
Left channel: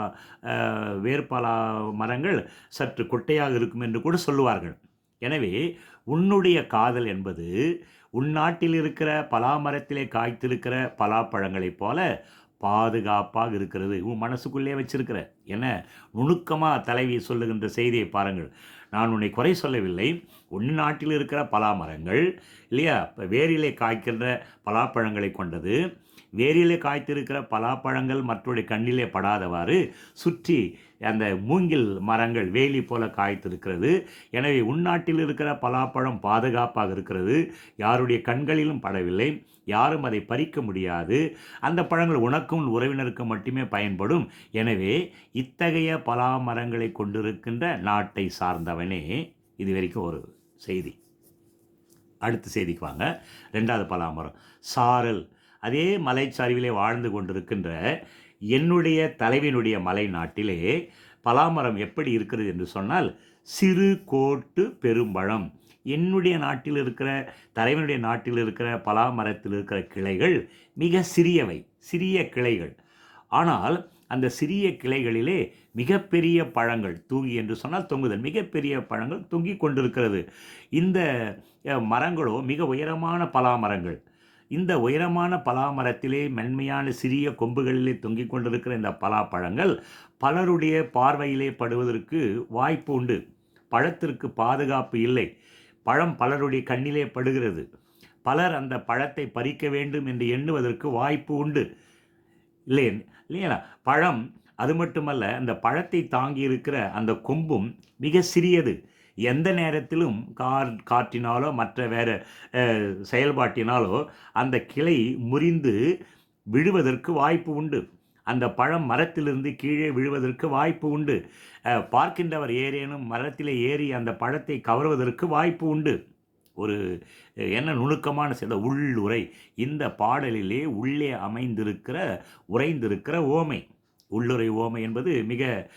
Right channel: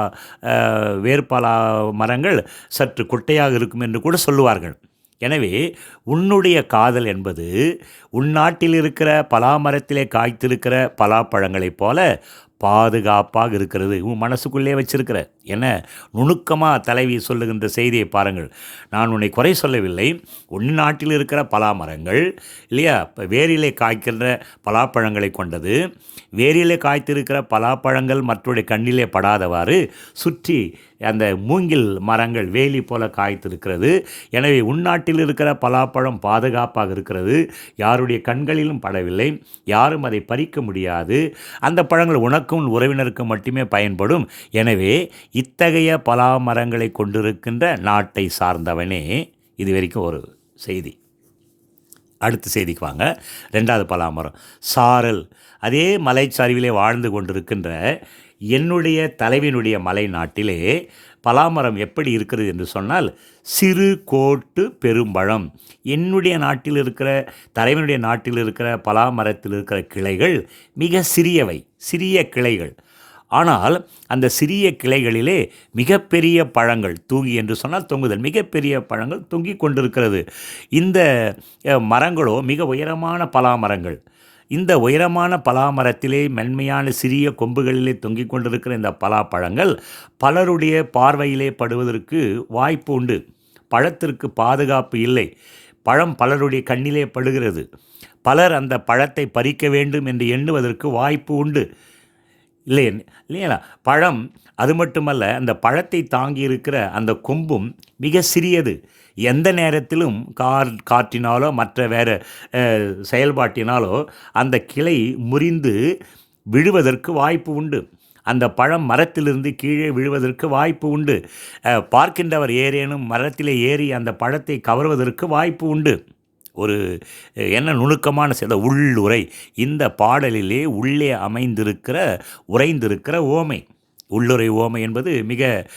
வேர்பலா மரங்கள் சற்று குட்டையாக இருக்கும் என்று கூட சொல்லுவார்கள். எனவே உன்னுடைய காதல் என்பது உள்நாட்டில் இருக்கிற பலாமரத்திலே காய்த்திருக்கிற பலாப்பழங்களைப் போல பாதுகாப்பாக இருக்கிறது. உன் மனசுக்குள்ளே வச்சிருக்கிற என நுணுக்கமாக தலைவி சொல்லுகின்ற செய்தியை பாருங்கள். நான் உன்னை குறை சொல்லவில்லை. உன் நாட்டில் இருக்கிற பலாமரங்கள் இல்லையா? இப்போ வேரிலே காய்க்கின்ற பலாப்பழங்களை கொண்டது. வேரிலே காய்த்திருக்கிற பலாப்பழங்கள் மற்றவருடைய கண்ணிலே படாதவாறு சுற்றி அந்த மூங்கில் மரங்கள் வேலி போல காய்த்திருக்கிறது. எனவே உள்நாட்டில் இருக்கிற பலாப்பழம் பாதுகாப்பாக இருக்கிறது. யாருடைய கண்களிலும் படவில்லை. யாரும் அதை பறிக்க முடியாது. அந்த பழங்கள் உனக்கும் உறவினருக்கு உறவினருக்கும் மட்டுமே பயன்படும். எனவே இத்தகைய பலா மரங்களை கொண்டிருக்கின்ற நாட்டை சார்ந்தவனே. இது வரைக்கும் ஒரு செய்தி. அடுத்த செய்திக்கு வாங்க. ரெண்டாவது பலாமரம். சாரல். அதே மலைச்சரிவிலே வாழ்ந்து கொண்டிருக்கின்ற என்னுடைய தலைவினுடைய மலை நாட்டிலே பலாமரம் எப்படி இருக்கிறது என்று சொன்னால் சிறு கோட்டு பெரும்பழம். என்னுடைய நாட்டில் இருக்கிற தலைவனுடைய நாட்டில் இருக்கிற பலாமரத்தில் இருக்கிற கிளைகள் மிக சிறியவை. சிறிய கிளைகள். ஆனால் அந்த சிறிய கிளைகளிலே மிகப்பெரிய பழங்கள் தூங்கி என்று சொன்னால் தொங்குதல் மிகப்பெரிய பழங்கள் தொங்கி கொண்டிருக்கிறது. இந்த மரங்களோ மிக உயரமான பலாமரங்கள். இந்த உயரமான பலாமரத்திலே மென்மையான சிறிய கொம்புகளிலே தொங்கிக் கொண்டிருக்கிற இந்த பலாப்பழங்கள் பலருடைய பார்வையிலே படுவதற்கு வாய்ப்பு உண்டு. பழத்திற்கு பாதுகாப்பு இல்லை. பழம் பலருடைய கண்ணிலே படுகிறது. பலர் அந்த பழத்தை பறிக்க வேண்டும் என்று எண்ணுவதற்கு வாய்ப்பு உண்டு. இல்லை இல்லையா? பழம் அது மட்டுமல்ல அந்த பழத்தை தாங்கி இருக்கிற அந்த கொம்பும் மிக சிறியது. எந்த நேரத்திலும் கார் காற்றினாலோ மற்ற வேறு செயல்பாட்டினாலோ அந்த கிளை முறிந்து விழுவதற்கு வாய்ப்பு உண்டு. அந்த பழம் மரத்திலிருந்து கீழே விழுவதற்கு வாய்ப்பு உண்டு. பார்க்கின்றவர் ஏறேனும் மரத்திலே ஏறி அந்த பழத்தை கவர்வதற்கு வாய்ப்பு உண்டு. ஒரு என்ன நுணுக்கமான சில உள்ளுரை. இந்த பாடலிலே உள்ளே அமைந்திருக்கிற உறைந்திருக்கிற ஓமை. உள்ளுரை ஓமை என்பது மிக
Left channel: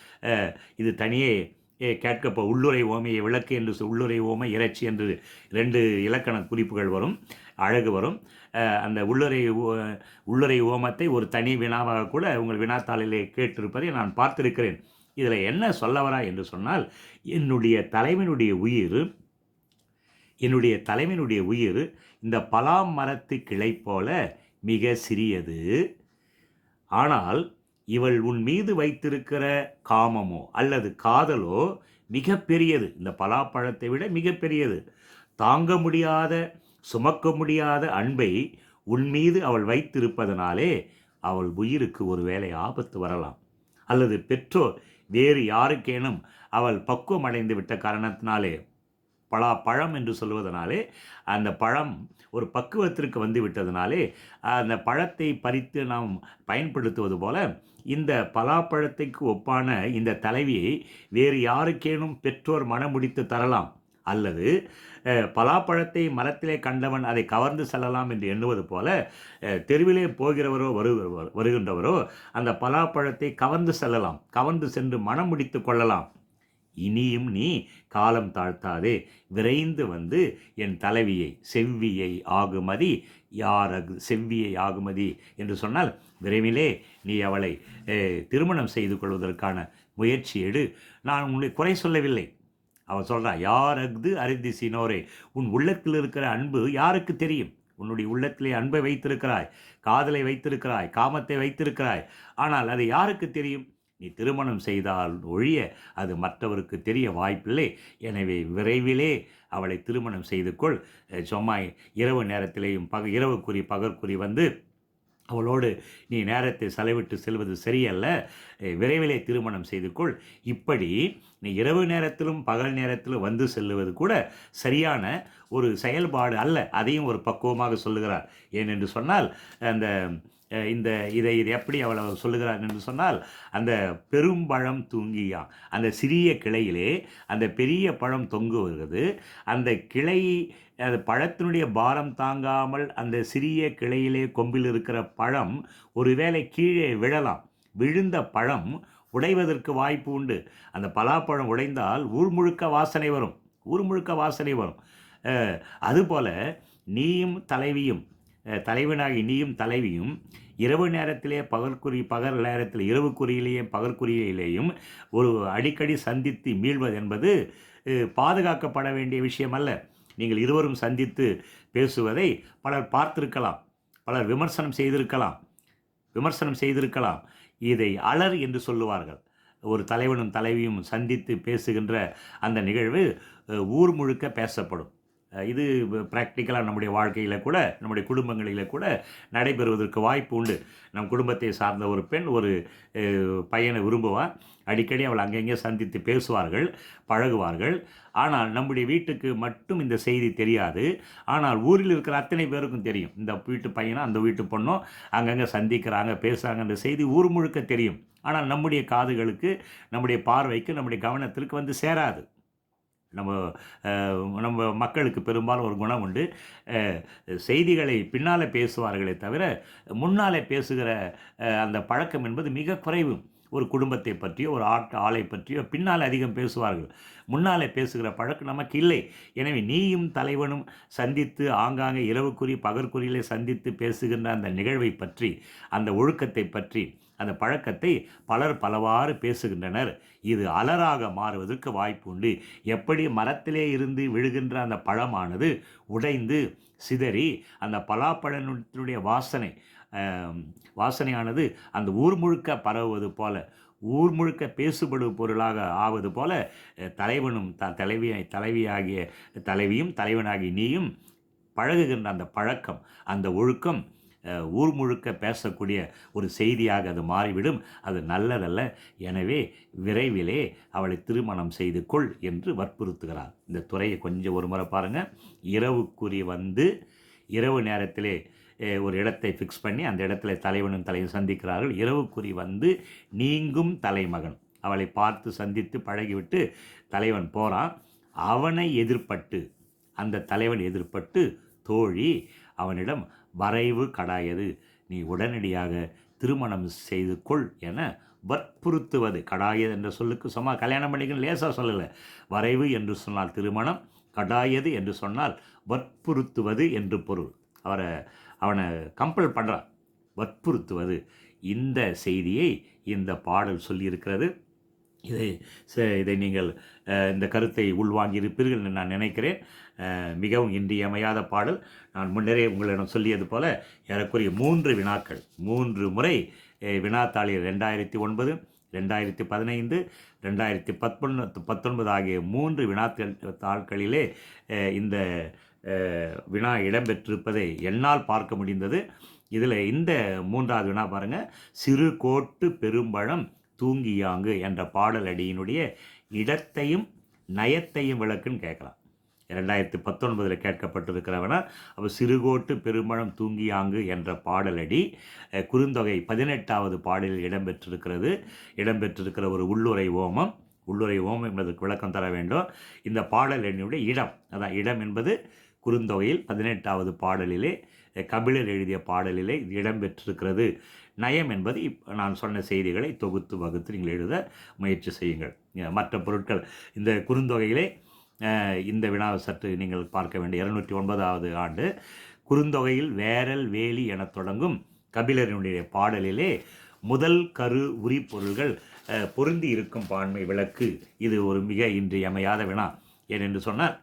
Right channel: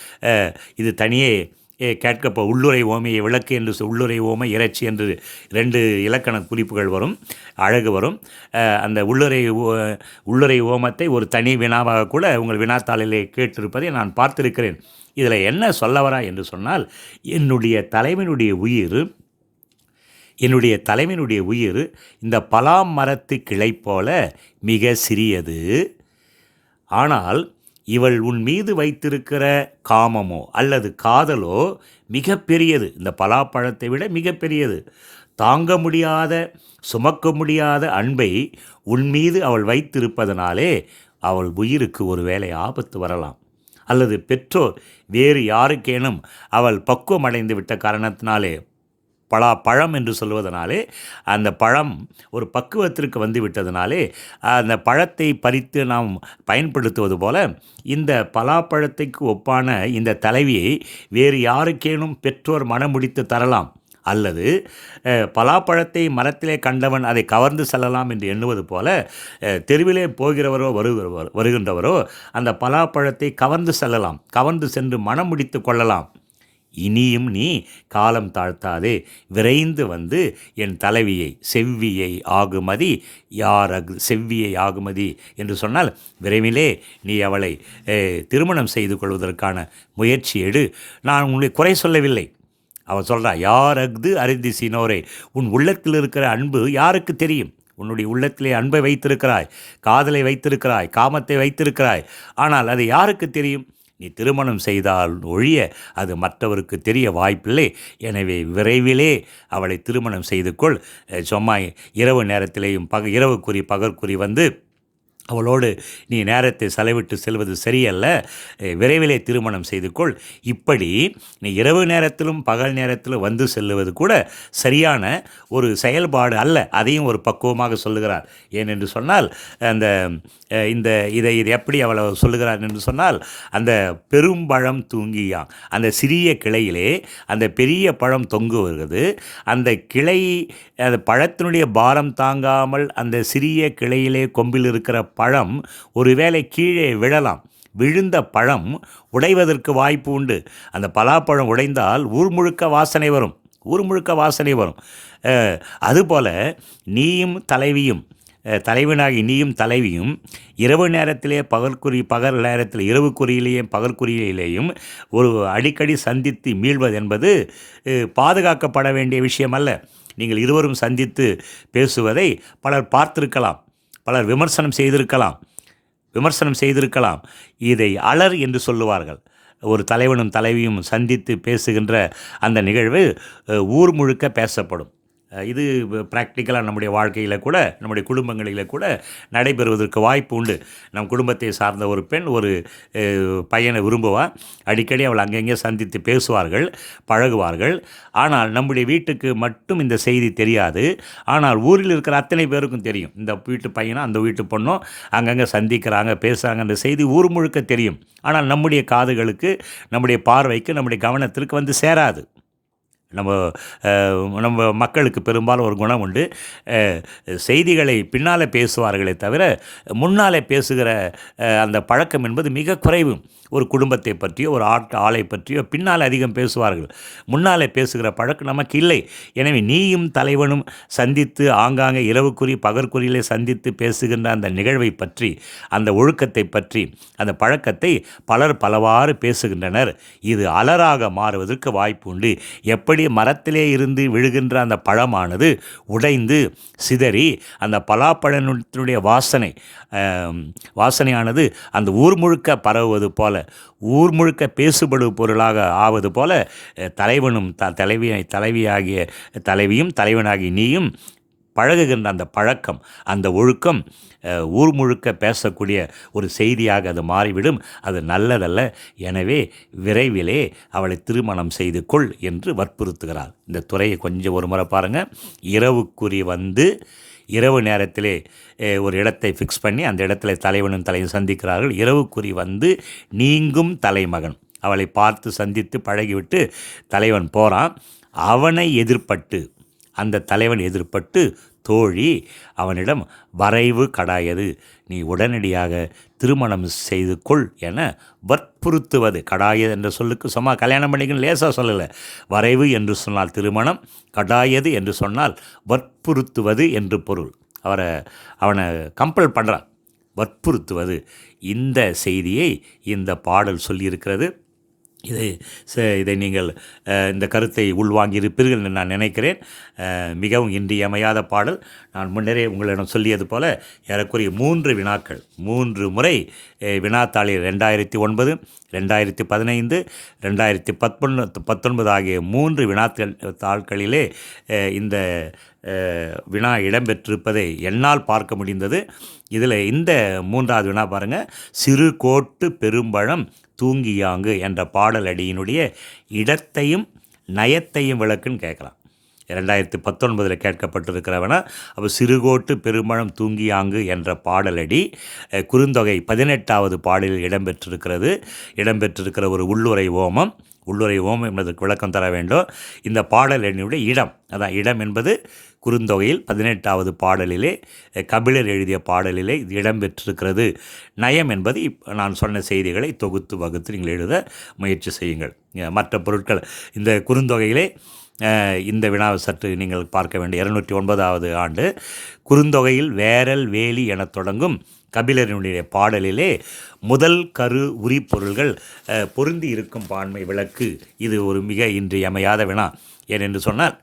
இது தனியே கேட்கப்ப உள்ளுரை ஓமையை விளக்கு என்று சொ- உள்ளுரை ஓமை இறைச்சி என்று ரெண்டு இலக்கண குறிப்புகள் வரும் அழகு வரும். அந்த உள்ளுரை ஓ- உள்ளுரை ஓமத்தை ஒரு தனி வினாவாக கூட உங்கள் வினாத்தாளிலே கேட்டிருப்பதை நான் பார்த்திருக்கிறேன். இதில் என்ன சொல்லவரா என்று சொன்னால் என்னுடைய தலைவனுடைய உயிர் என்னுடைய தலைவனுடைய உயிர் இந்த பலா மரத்து கிளை போல மிக சிறியது. ஆனால் இவள் உன் மீது வைத்திருக்கிற காமமோ அல்லது காதலோ மிக பெரியது. இந்த பலாப்பழத்தை விட மிக பெரியது. தாங்க முடியாத சுமக்க முடியாத அன்பை உன் மீது அவள் வைத்திருப்பதனாலே அவள் உயிருக்கு ஒருவேளை ஆபத்து வரலாம். அல்லது பெற்றோர் வேறு யாருக்கேனும் அவள் பக்குவம் அடைந்து விட்ட காரணத்தினாலே பலா பழம் என்று சொல்வதனாலே அந்த பழம் ஒரு பக்குவத்திற்கு வந்து விட்டதனாலே அந்த பழத்தை பறித்து நாம் பயன்படுத்துவது போல இந்த பலாப்பழத்தைக்கு ஒப்பான இந்த தலைவியை வேறு யாருக்கேனும் பெற்றோர் மனமுடித்து தரலாம். அல்லது பலாப்பழத்தை மரத்திலே கண்டவன் அதை கவர்ந்து செல்லலாம் என்று எண்ணுவது போல தெருவிலே போகிறவரோ வருகிறவரோ வருகின்றவரோ அந்த பலாப்பழத்தை கவர்ந்து செல்லலாம். கவர்ந்து சென்று மனம் முடித்து கொள்ளலாம். இனியும் நீ காலம் தாழ்த்தாதே. விரைந்து வந்து என் தலைவியை செவ்வியை ஆகுமதி யார் அகு செவ்வியை ஆகுமதி என்று சொன்னால் விரைவிலே நீ அவளை திருமணம் செய்து கொள்வதற்கான முயற்சி எடு. நான் உங்களை குறை சொல்லவில்லை. அவன் சொல்கிறா யார் அஃது அறிந்தி சீனோரே உன் உள்ளத்தில் இருக்கிற அன்பு யாருக்கு தெரியும்? உன்னுடைய உள்ளத்திலே அன்பை வைத்திருக்கிறாய் காதலை வைத்திருக்கிறாய் காமத்தை வைத்திருக்கிறாய். ஆனால் அது யாருக்கு தெரியும்? நீ திருமணம் செய்தால் ஒழிய அது மற்றவருக்கு தெரிய வாய்ப்பில்லை. எனவே விரைவிலே அவளை திருமணம் செய்து கொள் சும்மா இரவு நேரத்திலேயும் பக இரவுக்குறி பகற்குறி வந்து அவளோடு நீ நேரத்தை செலவிட்டு செல்வது சரியல்ல. விரைவிலே திருமணம் செய்து கொள் இப்படி நீ இரவு நேரத்திலும் பகல் நேரத்திலும் வந்து செல்லுவது கூட சரியான ஒரு செயல்பாடு அல்ல. அதையும் ஒரு பக்குவமாக சொல்லுகிறார். ஏனென்று சொன்னால் அந்த இந்த இதை இது எப்படி அவளை சொல்லுகிறார் என்று சொன்னால் அந்த பெரும்பழம் தூங்கியாம். அந்த சிறிய கிளையிலே அந்த பெரிய பழம் தொங்கு வருகிறது அந்த கிளை அந்த பழத்தினுடைய பாரம் தாங்காமல் அந்த சிறிய கிளையிலே கொம்பில் இருக்கிற பழம் ஒருவேளை கீழே விழலாம். விழுந்த பழம் உடைவதற்கு வாய்ப்பு உண்டு. அந்த பலாப்பழம் உடைந்தால் ஊர் முழுக்க வாசனை வரும். ஊர் முழுக்க வாசனை வரும். அதுபோல் நீயும் தலைவியும் தலைவனாகி நீயும் தலைவியும் இரவு நேரத்திலே பகற்குறி பகல் நேரத்தில் இரவு குறியிலேயும் பகற்குறியிலேயும் ஒரு அடிக்கடி சந்தித்து மீள்வது என்பது பாதுகாக்கப்பட வேண்டிய விஷயம் அல்ல நீங்கள் இருவரும் சந்தித்து பேசுவதை பலர் பார்த்திருக்கலாம் பலர் விமர்சனம் செய்திருக்கலாம் விமர்சனம் செய்திருக்கலாம். இதை அலர் என்று சொல்லுவார்கள். ஒரு தலைவனும் தலைவியும் சந்தித்து பேசுகின்ற அந்த நிகழ்வு ஊர் முழுக்க பேசப்படும். இது ப்ராக்டிக்கலாக நம்முடைய வாழ்க்கையில் கூட நம்முடைய குடும்பங்களில் கூட நடைபெறுவதற்கு வாய்ப்பு உண்டு. நம் குடும்பத்தை சார்ந்த ஒரு பெண் ஒரு பையனை விரும்புவா அடிக்கடி அவள் அங்கங்கே சந்தித்து பேசுவார்கள் பழகுவார்கள். ஆனால் நம்முடைய வீட்டுக்கு மட்டும் இந்த செய்தி தெரியாது. ஆனால் ஊரில் இருக்கிற அத்தனை பேருக்கும் தெரியும். இந்த வீட்டு பையனும் அந்த வீட்டு பொண்ணும் அங்கங்கே சந்திக்கிறாங்க பேசுகிறாங்க அந்த செய்தி ஊர் முழுக்க தெரியும். ஆனால் நம்முடைய காதுகளுக்கு நம்முடைய பார்வைக்கு நம்முடைய கவனத்திற்கு வந்து சேராது. நம்ம நம்ம மக்களுக்கு பெரும்பாலும் ஒரு குணம் உண்டு. செய்திகளை பின்னால் பேசுவார்களே தவிர முன்னாலே பேசுகிற அந்த பழக்கம் என்பது மிக குறைவு. ஒரு குடும்பத்தை பற்றியோ ஒரு ஆட் ஆளை பற்றியோ பின்னால் அதிகம் பேசுவார்கள். முன்னாலே பேசுகிற பழக்கம் நமக்கு இல்லை. எனவே நீயும் தலைவனும் சந்தித்து ஆங்காங்கே இரவுக்குறி பகற்குறியிலே சந்தித்து பேசுகின்ற அந்த நிகழ்வை பற்றி அந்த ஒழுக்கத்தை பற்றி அந்த பழக்கத்தை பலர் பலவாறு பேசுகின்றனர். இது அலராக மாறுவதற்கு வாய்ப்பு உண்டு. எப்படி மரத்திலே இருந்து விழுகின்ற அந்த பழமானது உடைந்து சிதறி அந்த பலாப்பழத்தினுடைய வாசனை வாசனையானது அந்த ஊர் முழுக்க பரவுவது போல ஊர் முழுக்க பேசுபடு பொருளாக ஆவது போல தலைவனும் த தலைவி தலைவியாகிய தலைவியும் தலைவனாகிய நீயும் பழகுகின்ற அந்த பழக்கம் அந்த ஒழுக்கம் ஊர் முழுக்க பேசக்கூடிய ஒரு செய்தியாக அது மாறிவிடும். அது நல்லதல்ல. எனவே விரைவிலே அவளை திருமணம் செய்து கொள் என்று வற்புறுத்துகிறாள். இந்த துறையை கொஞ்சம் ஒரு முறை பாருங்கள் இரவுக்குறி வந்து இரவு நேரத்திலே ஒரு இடத்தை ஃபிக்ஸ் பண்ணி அந்த இடத்துல தலைவனும் தலையும் சந்திக்கிறார்கள். இரவுக்குறி வந்து நீங்கும் தலைமகன். அவளை பார்த்து சந்தித்து பழகிவிட்டு தலைவன் போகிறான் அவனை எதிர்பட்டு அந்த தலைவன் எதிர்பட்டு தோழி அவனிடம் வரைவு கடாயது. நீ உடனடியாக திருமணம் செய்து கொள் என வற்புறுத்துவது. கடாயது என்ற சொல்லுக்கு சும்மா கல்யாணம் பண்ணிக்கணும் லேசாக சொல்லலை. வரைவு என்று சொன்னால் திருமணம் கடாயது என்று சொன்னால் வற்புறுத்துவது என்று பொருள். அவரை அவனை கம்பல் பண்ணுறான் வற்புறுத்துவது. இந்த செய்தியை இந்த பாடல் சொல்லியிருக்கிறது. இதை இதை நீங்கள் இந்த கருத்தை உள்வாங்கியிருப்பீர்கள் என்று நான் நினைக்கிறேன். மிகவும் இன்றியமையாத பாடல். நான் முன்னரே உங்களிடம் சொல்லியது போல ஏறக்குறைய மூன்று வினாக்கள் மூன்று முறை வினாத்தாளில் ரெண்டாயிரத்தி ஒன்பது ரெண்டாயிரத்தி பதினைந்து ரெண்டாயிரத்தி பத்தொன்பது பத்தொன்பது ஆகிய மூன்று வினாக்கள் தாள்களிலே இந்த வினா இடம்பெற்றிருப்பதை என்னால் பார்க்க முடிந்தது. இதில் இந்த மூன்றாவது வினா பாருங்கள் சிறு கோட்டு பெரும்பழம் தூங்கியாங்கு என்ற பாடல் அடியினுடைய இடத்தையும் நயத்தையும் விளக்குன்னு கேட்கலாம். இரண்டாயிரத்தி பத்தொன்பதில் கேட்கப்பட்டிருக்கிறவனா அப்போ சிறுகோட்டு பெருமழம் தூங்கியாங்கு என்ற பாடலடி குறுந்தொகை பதினெட்டாவது பாடலில் இடம்பெற்றிருக்கிறது. இடம்பெற்றிருக்கிற ஒரு உள்ளுரை ஓமம் உள்ளுரை ஓமம் என்பதற்கு விளக்கம் தர வேண்டும். இந்த பாடல் எண்ணுடைய இடம் அதான் இடம் என்பது குறுந்தொகையில் பதினெட்டாவது பாடலிலே கபிலர் எழுதிய பாடலிலே இது இடம்பெற்றிருக்கிறது. நயம் என்பது நான் சொன்ன செய்திகளை தொகுத்து வகுத்து நீங்கள் எழுத முயற்சி செய்யுங்கள். மற்ற பொருட்கள் இந்த குறுந்தொகையிலே இந்த வினாவை சற்று நீங்கள் பார்க்க வேண்டிய இருநூற்றி ஒன்பதாவது ஆண்டு குறுந்தொகையில் வேரல் வேலி எனத் தொடங்கும் கபிலரினுடைய பாடலிலே முதல் கரு உரி பொருள்கள் பொருந்தி இருக்கும் பான்மை விளக்கு. இது ஒரு மிக இன்றியமையாத வினா. ஏனென்று சொன்னால்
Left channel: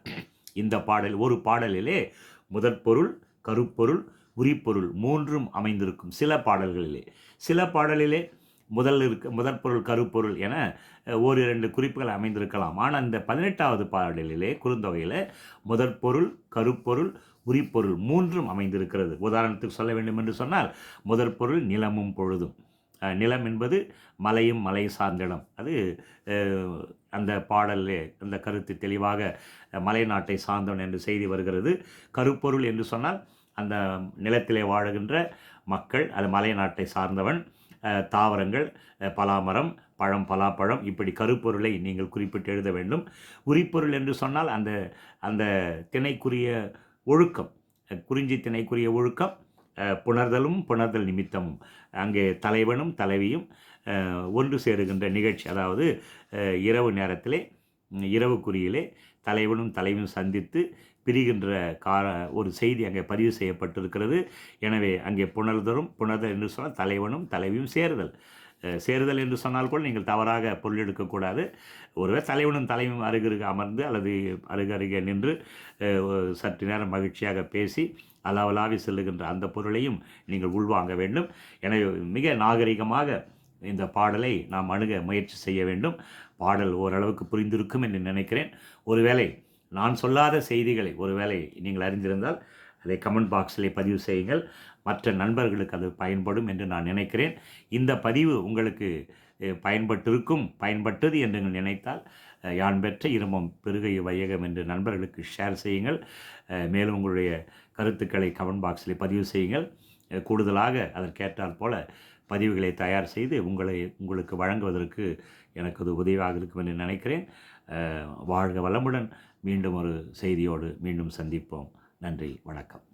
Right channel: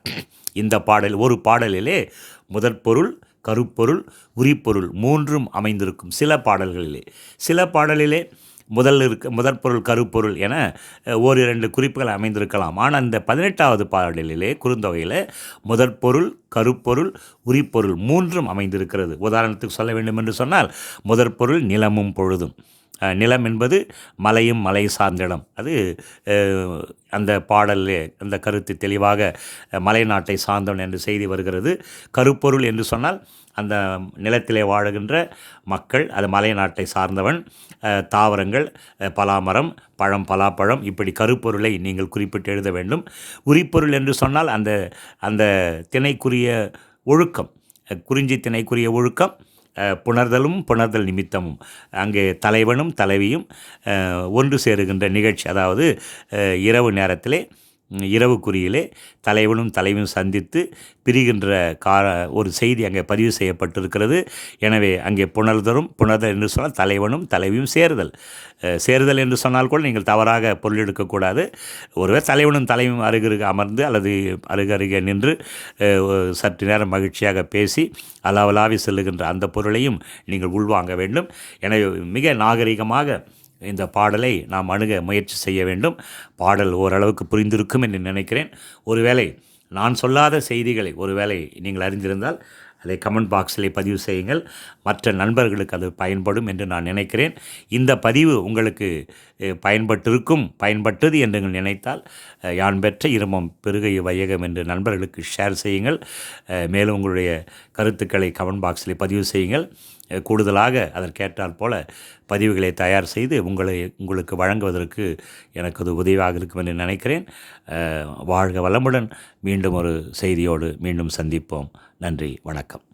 இந்த பாடல் ஒரு பாடலிலே முதற்பொருள் கருப்பொருள் உரிப்பொருள் மூன்றும் அமைந்திருக்கும் சில பாடல்களிலே. சில பாடலிலே முதல் இருக்க முதற்பொருள் கருப்பொருள் என ஒரு ஓரிரண்டு குறிப்புகள் அமைந்திருக்கலாம். ஆனால் இந்த பதினெட்டாவது பாடலிலே குறுந்தொகையில் முதற்பொருள் கருப்பொருள் உரிப்பொருள் மூன்றும் அமைந்திருக்கிறது. உதாரணத்துக்கு சொல்ல வேண்டும் என்று சொன்னால் முதற்பொருள் நிலமும் பொழுதும். நிலம் என்பது மலையும் மலை சார்ந்த இடம் அது அந்த பாடலே அந்த கருத்து தெளிவாக மலை நாட்டை சார்ந்தவன் என்று செய்தி வருகிறது. கருப்பொருள் என்று சொன்னால் அந்த நிலத்திலே வாழுகின்ற மக்கள் அது மலை நாட்டை சார்ந்தவன் தாவரங்கள் பலாமரம் பழம் பலாப்பழம் இப்படி கருப்பொருளை நீங்கள் குறிப்பிட்டு எழுத வேண்டும். உரிப்பொருள் என்று சொன்னால் அந்த அந்த திணைக்குரிய ஒழுக்கம் குறிஞ்சி திணைக்குரிய ஒழுக்கம் புணர்தலும் புணர்தல் நிமித்தமும் அங்கே தலைவனும் தலைவியும் ஒன்று சேருகின்ற நிகழ்ச்சி. அதாவது இரவு நேரத்திலே இரவு குறியிலே தலைவனும் தலைவியும் சந்தித்து பிரிகின்ற கார ஒரு செய்தி அங்கே பதிவு செய்யப்பட்டிருக்கிறது. எனவே அங்கே புணர்தரும் புணர்தல் என்று சொன்னால் தலைவனும் தலைவியும் சேருதல். சேருதல் என்று சொன்னால் கூட நீங்கள் தவறாக பொருள் எடுக்கக்கூடாது. ஒருவர் தலைவனும் தலைவியும் அருகருக அமர்ந்து அல்லது அருகருகே நின்று சற்று நேரம் மகிழ்ச்சியாக பேசி அலாவலாவி செல்லுகின்ற அந்த பொருளையும் நீங்கள் உள்வாங்க வேண்டும். எனவே மிக நாகரிகமாக இந்த பாடலை நாம் அணுக முயற்சி செய்ய வேண்டும். பாடல் ஓரளவுக்கு புரிந்திருக்கும் என்று நினைக்கிறேன். ஒருவேளை நான் சொல்லாத செய்திகளை ஒருவேளை நீங்கள் அறிந்திருந்தால் அதை கமெண்ட் பாக்ஸில் பதிவு செய்யுங்கள். மற்ற நண்பர்களுக்கு அது பயன்படும் என்று நான் நினைக்கிறேன். இந்த பதிவு உங்களுக்கு பயன்பட்டிருக்கும் பயன்பட்டது என்று நினைத்தால் யான் பெற்ற இருமம் பெருகை வையகம் என்று நண்பர்களுக்கு ஷேர் செய்யுங்கள். மேலும் உங்களுடைய கருத்துக்களை கமெண்ட் பாக்ஸில் பதிவு செய்யுங்கள். கூடுதலாக அதற்கேற்றால் போல பதிவுகளை தயார் செய்து உங்களை உங்களுக்கு வழங்குவதற்கு எனக்கு அது உதவியாக இருக்கும் என்று நினைக்கிறேன். வாழ்க வளமுடன் மீண்டும் ஒரு செய்தியோடு மீண்டும் சந்திப்போம். நன்றி வணக்கம்.